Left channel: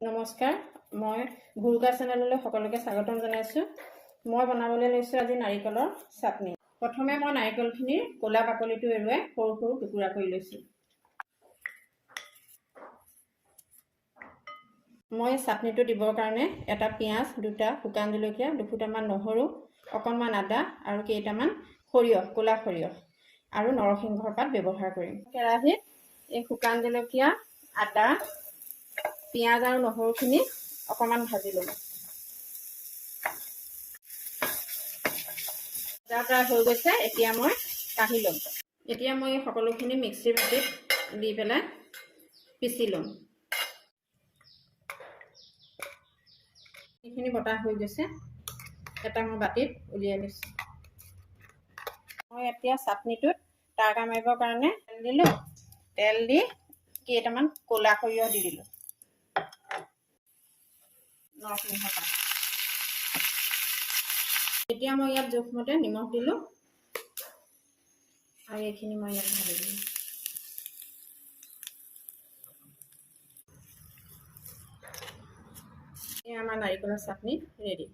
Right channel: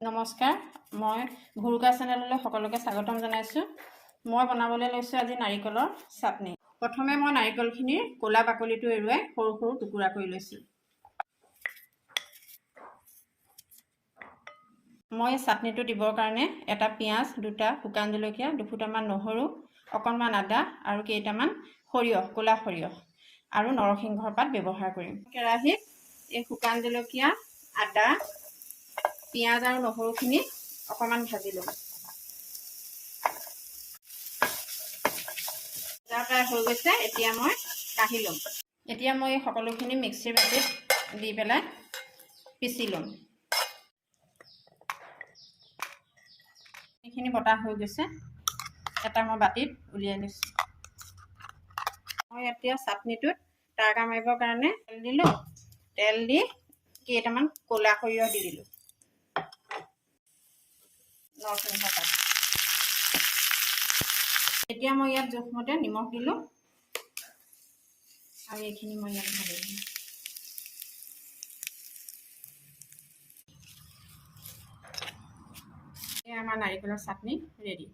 নমস্কাৰ, মই ভুৰুকা চেনেললৈ সকলোকে স্বাগতম জনাইছোঁ। মই বনাবলৈ লৈছোঁ আজি নাৰিকলৰ চাটনি। প্ৰথমে মই নাৰিকলখিনিৰ ক'লা বাকলিটো এৰুৱাই সৰু সৰু টুকুৰা কৰি লৈছোঁ। মই চাটনিটো দিবৰ কাৰণে এটা পিঁয়াজ, দুটা শুকান জলকীয়া, দুফুটামান নহৰু, অকণমান আদা আৰু কেইটামান সৰিয়হ, ক'লা সৰিয়হ আৰু নৰসিংহৰ পাত ব্যৱহাৰ কৰিম। কেৰাহীত এই শুকান জলকীয়া, আদা, পিঁয়াজ আৰু নহৰুখিনি অকণমান ভাজি ল'ম। প্ৰায় হৈ গৈছে, এতিয়া মই কাঢ়ি ল'ম। এতিয়া মই এই সকলোখিনি মিক্সিৰ বাতিত দি পেলাই পিচি ল'ম। এইখিনি বটা হৈ গৈছে, এটা মই বাতিত উলিয়াই লৈছোঁ। মই এতিয়া চাটনিটোত তড়কা মাৰিবৰ কাৰণে তেল দিলোঁ। তেল দি কেইটামান ক'লা সৰিয়হ দি দিলোঁ। নৰসিংহ পাত। এতিয়া মই ইয়াত জোখমতে নিমখ দিলোঁ আৰু এইখিনি মই ইয়াত ঢালি দিলোঁ। এতিয়া আমাৰ নাৰিকলৰ চাটনি ৰেডি।